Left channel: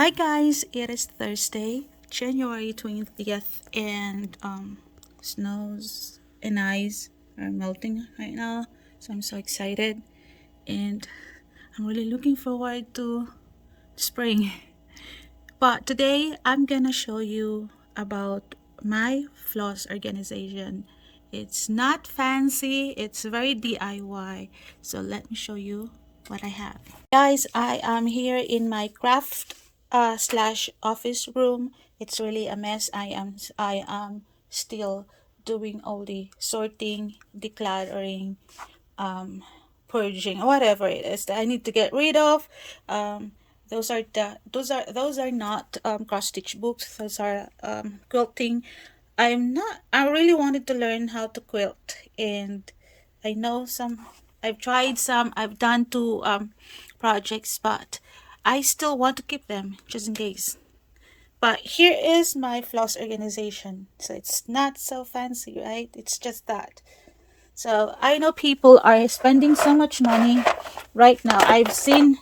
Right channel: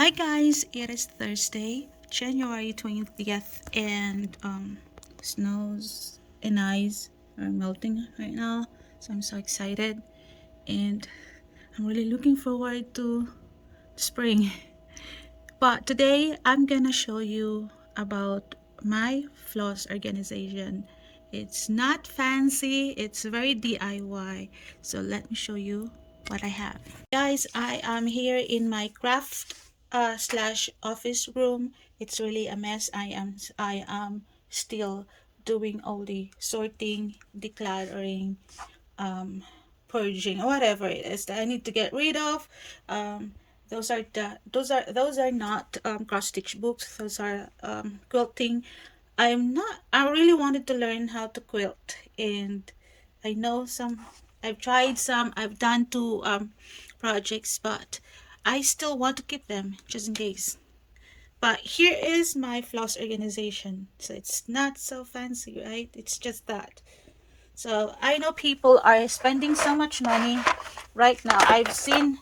Hi guys, it is Thursday, January 20th, and snows and ice are melting right now, so I'm so excited and I'm really looking forward to spring. But today I'm gonna show you about my Floss organization. It's not fancy, it's very DIY. So let me show you what I have. Guys, I am here in my craft slash office room. It's really a mess. I am still doing all the sorting, decluttering, purging, whatever it is that I need to get rid of. Those are not cross stitch books. Those are quilting. I really wanted to learn how to quilt, and I know some. I've tried some. I've done two projects, but I still want to keep them just in case. But here is my Floss organization. So it's not so fancy, right? It's just that. So I know people are spending so much money right now. I've seen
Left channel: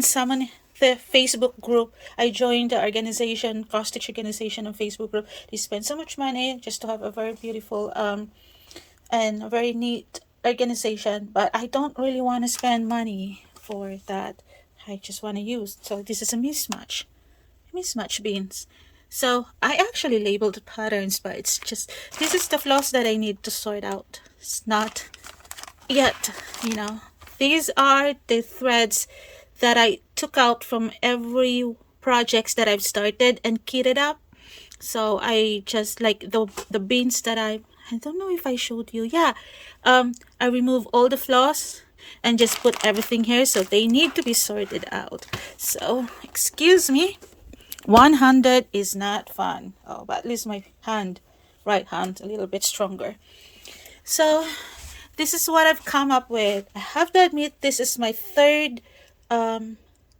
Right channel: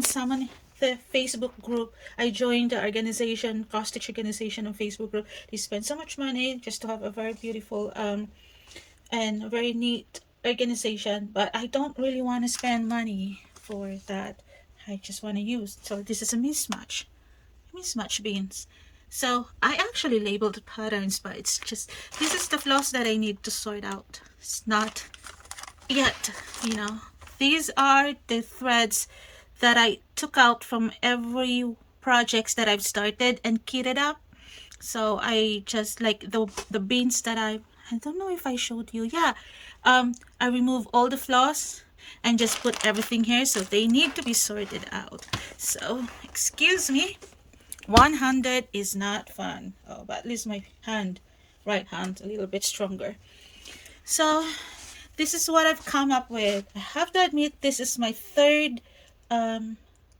someone, the Facebook group. I joined the organization, cross stitch organization on Facebook group. They spend so much money just to have a very beautiful and a very neat organization. But I don't really want to spend money for that. I just want to use. So this is a mismatch beans. So I actually labeled the patterns, but it's just, this is the floss that I need to sort out. It's not yet, These are the threads that I took out from every projects that I've started and kitted up. So I just like the beans that I don't know if I showed you. Yeah, I remove all the floss and just put everything here, so they need to be sorted out. So excuse me, 100 is not fun. Oh, but at least my right hand, a little bit stronger. So this is what I've come up with. I have to admit, this is my third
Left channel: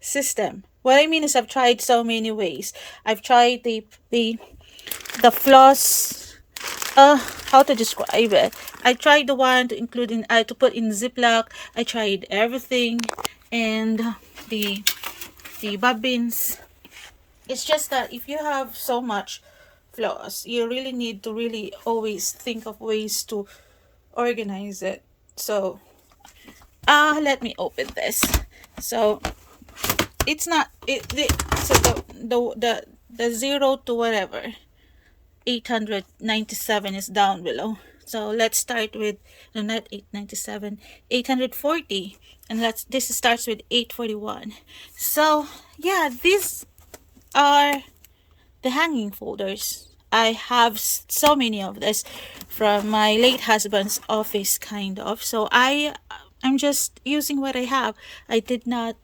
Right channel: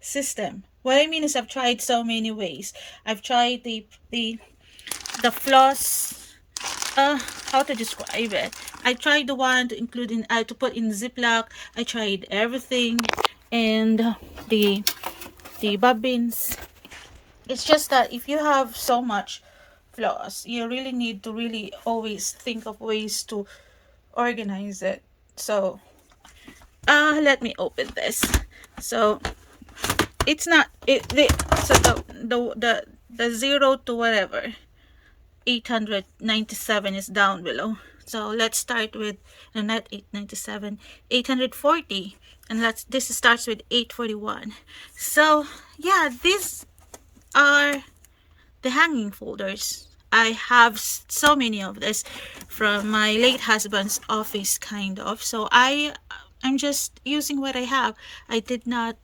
system. What I mean is I've tried so many ways. I've tried the floss. How to describe it? I tried the one to include to put in Ziploc. I tried everything, and the bobbins. It's just that if you have so much floss, you really need to really always think of ways to organize it. So let me open this. So it's not so the 0 to whatever 897 is down below. So let's start with, no, not 897, 840, and this starts with 841. So yeah, these are the hanging folders. I have so many of this from my late husband's office, kind of. So I'm just using what I have. I did not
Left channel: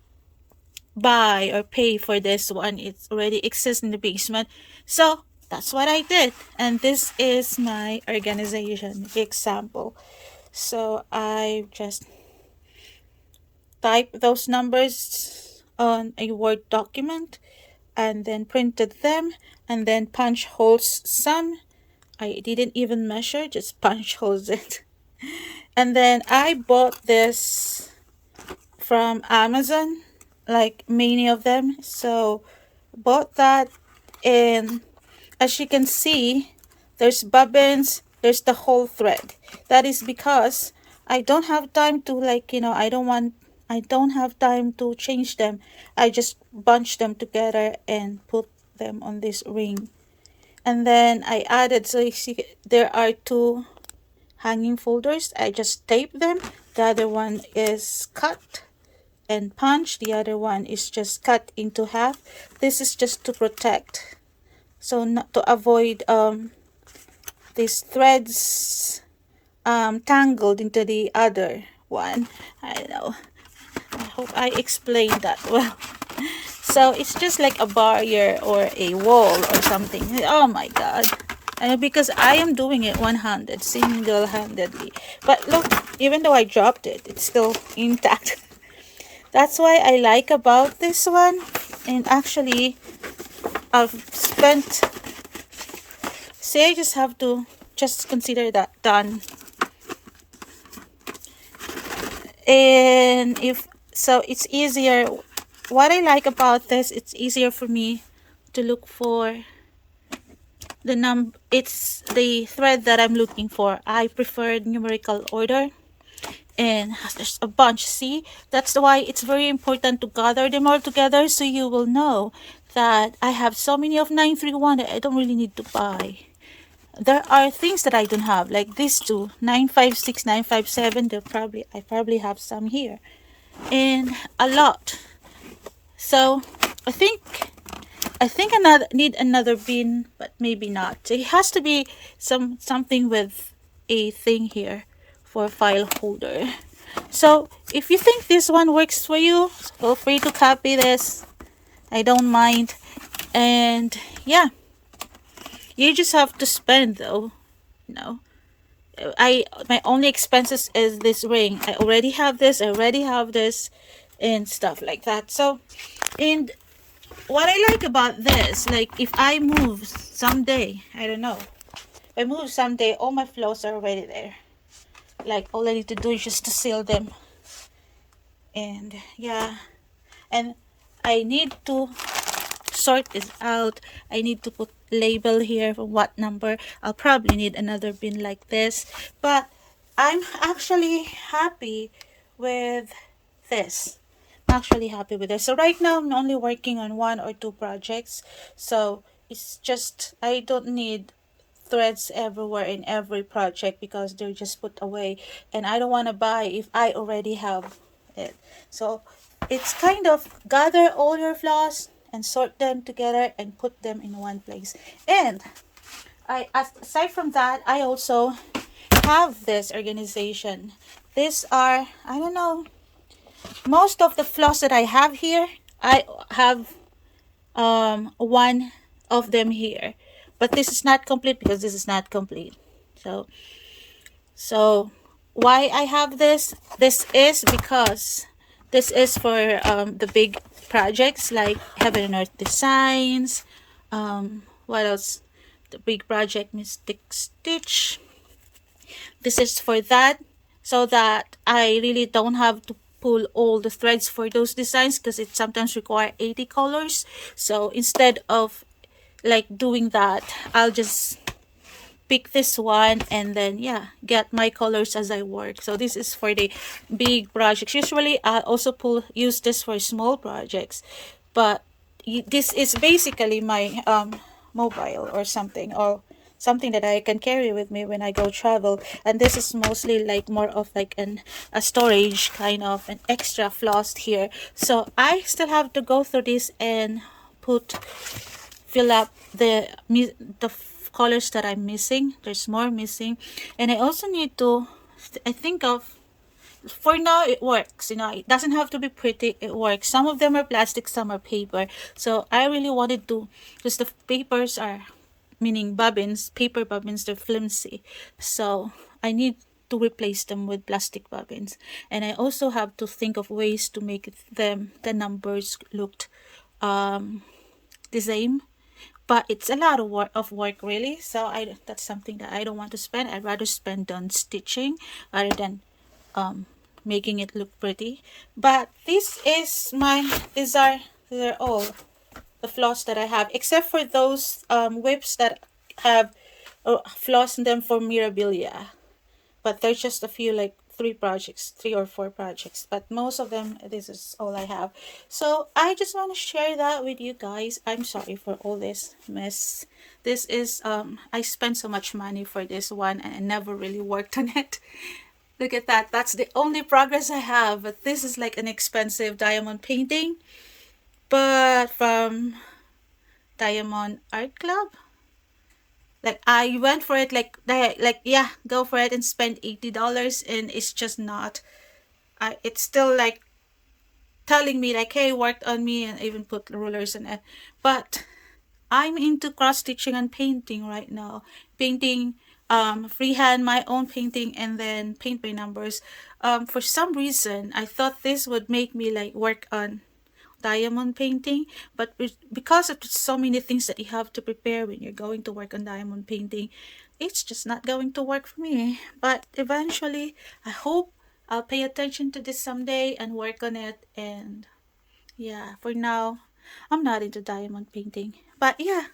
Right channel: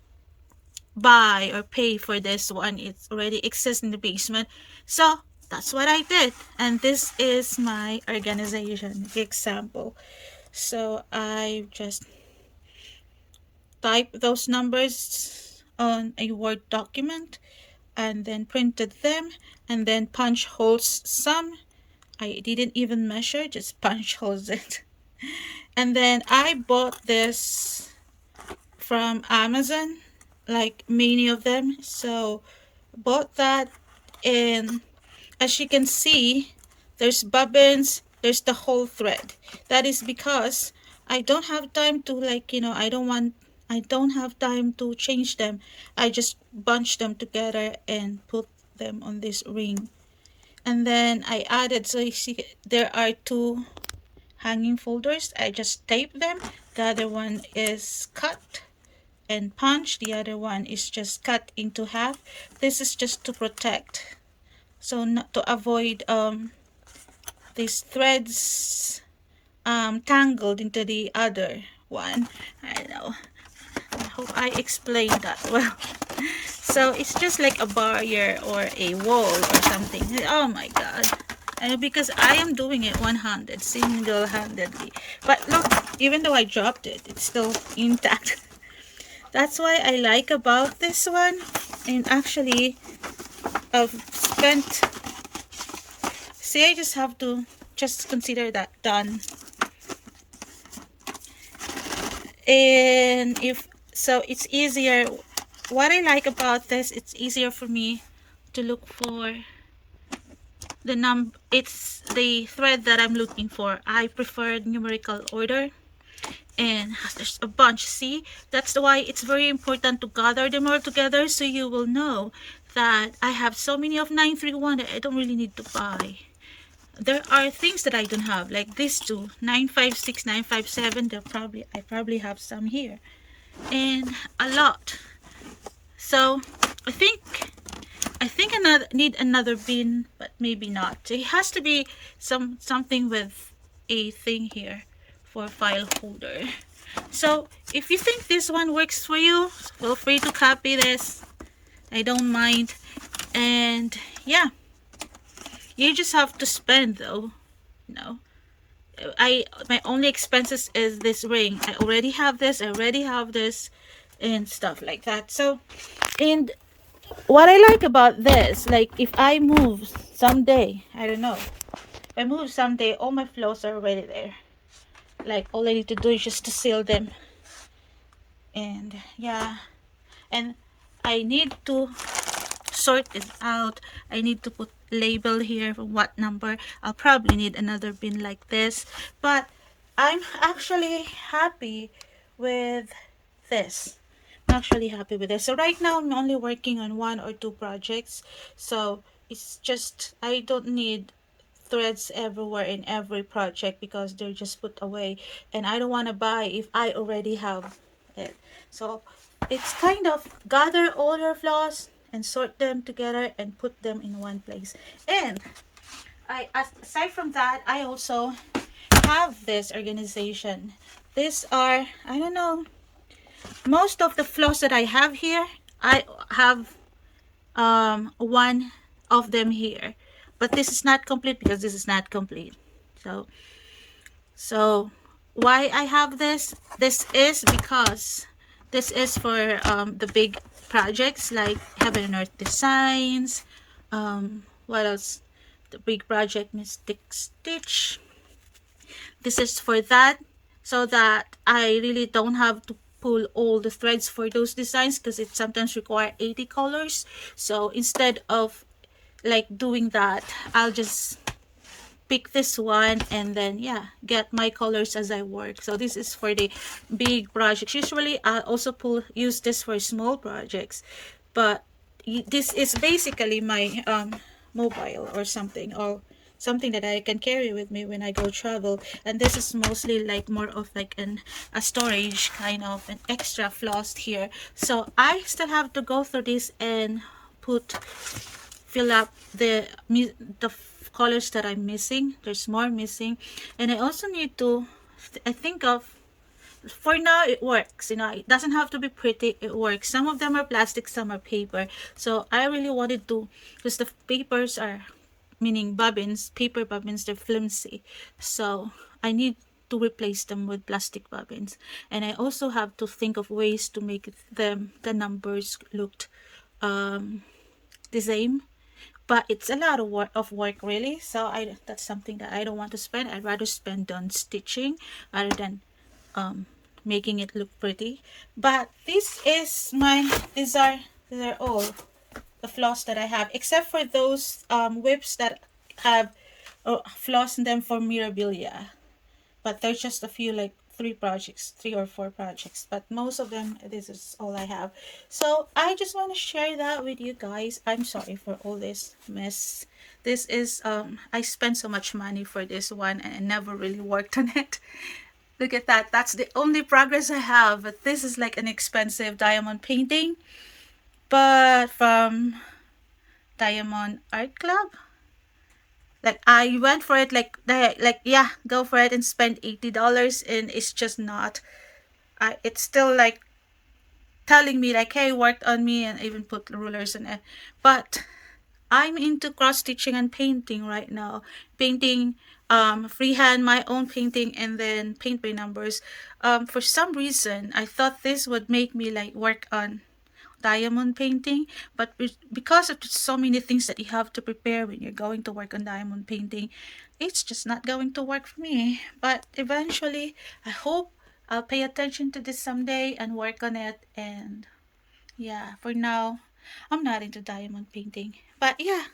buy or pay for this one. It already exists in the basement. So that's what I did. And this is my organization example. So I just type those numbers on a Word document and then printed them and then punch holes some. I didn't even measure, just punch holes it. And then I bought this from Amazon, like many of them. So bought that, and as you can see, there's bobbins, there's the whole thread. That is because I don't have time to, I don't have time to change them. I just bunch them together and put them on this ring. And then I added, so you see there are two hanging folders. I just tape them. The other one is cut and punch. The other one is just cut into half. This is just to protect, so not to avoid these threads tangled into the other one. I don't know, I hope I explained that well. So it's just like a barrier or a wall or something. Oh my god. Because I am doing it one-handed, single-handedly. But look, even though I dropped it, it's still intact. That's why I like about this one. And actually, I've spent, say I just have to just consider that done. And if so, it's easier what I like about this, it's easier for me to look for the it's the thread that I'm looking for. I prefer numerical order, and there's a bunch. See, that's why it's very important to gather them all together, so you will know that I have so many of 931 that I don't really need to buy. There are things that I don't have, like these two, 956, 957. I probably have some here, and a lot. So I think another need another bin, but maybe not. So it has to be something with a thing here for a file holder. So if you think this one works for you, feel free to copy this. I don't mind. And yeah, you just have to spend though. You know, my only expenses is this ring. I already have this. And stuff like that. So, and what I like about this, like if I move someday, I don't know, if I move someday, all my flows are already there. Like all I need to do is just to seal them. And yeah, and I need to sort this out. I need to put label here for what number. I'll probably need another bin like this, but I'm actually happy with this. So right now I'm only working on 1 or 2 projects, so it's just I don't need threads everywhere in every project because they're just put away, and I don't want to buy if I already have it. So it's kind of gather all your floss and sort them together and put them in one place. And aside from that, I also have this organization. These are, I don't know, most of the floss that I have here, I have one of them here, but this is not complete because this is not complete. So why I have this is because this is for the big projects like Heaven and Earth Designs. What else? The big project Mystic Stitch. This is for that, so that I really don't have to pull all the threads for those designs because it sometimes require 80 colors. So instead of like doing that, I'll just pick this one and then yeah, get my colors as I work. So this is for the big projects. Usually I also use this for small projects, but this is basically my mobile or something that I can carry with me when I go travel. And this is mostly like more of like a storage, kind of an extra floss here. So I still have to go through this and fill up the colors that I'm missing. There's more missing, and I also need to I think of, for now it works, it doesn't have to be pretty, it works. Some of them are plastic, some are paper. So I really wanted to, because the papers are, meaning bobbins, paper bobbins, they're flimsy, so I need to replace them with plastic bobbins. And I also have to think of ways to make the numbers look the same, but it's a lot of work really. So that's something that I don't want to spend. I'd rather spend on stitching rather than making it look pretty. But these are all the floss that I have, except for those whips that have floss in them for Mirabilia. But there's just a few, like 3 or 4 projects, but most of them, this is all I have. So I just want to share that with you guys. I'm sorry for all this mess. This is I spent so much money for this one and I never really worked on it. Look at that. That's the only progress I have. But this is like an expensive diamond painting, but from Diamond Art Club. Like I went for it, yeah, go for it and spend $80, and it's just not. It's still like telling me like, hey, worked on me, and even put rulers in it. But I'm into cross stitching and painting right now. Painting freehand, my own painting, and then paint by numbers. For some reason, I thought this would make me like work on diamond painting, but because of so many things that you have to prepare when you're going to work on diamond painting, it's just not going to work for me. But eventually I hope I'll pay attention to this someday and work on it, and Yeah, for now, I'm not into diamond painting. But yeah,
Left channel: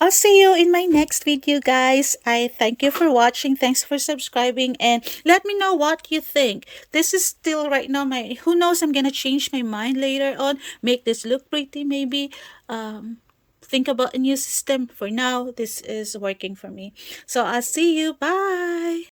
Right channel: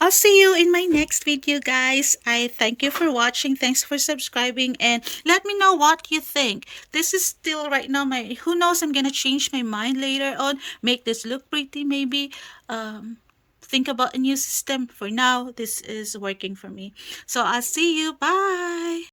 I'll see you in my next video, guys. I thank you for watching. Thanks for subscribing, and let me know what you think. This is still right now my, who knows, I'm gonna change my mind later on, make this look pretty maybe. Think about a new system. For now, this is working for me. So I'll see you. Bye.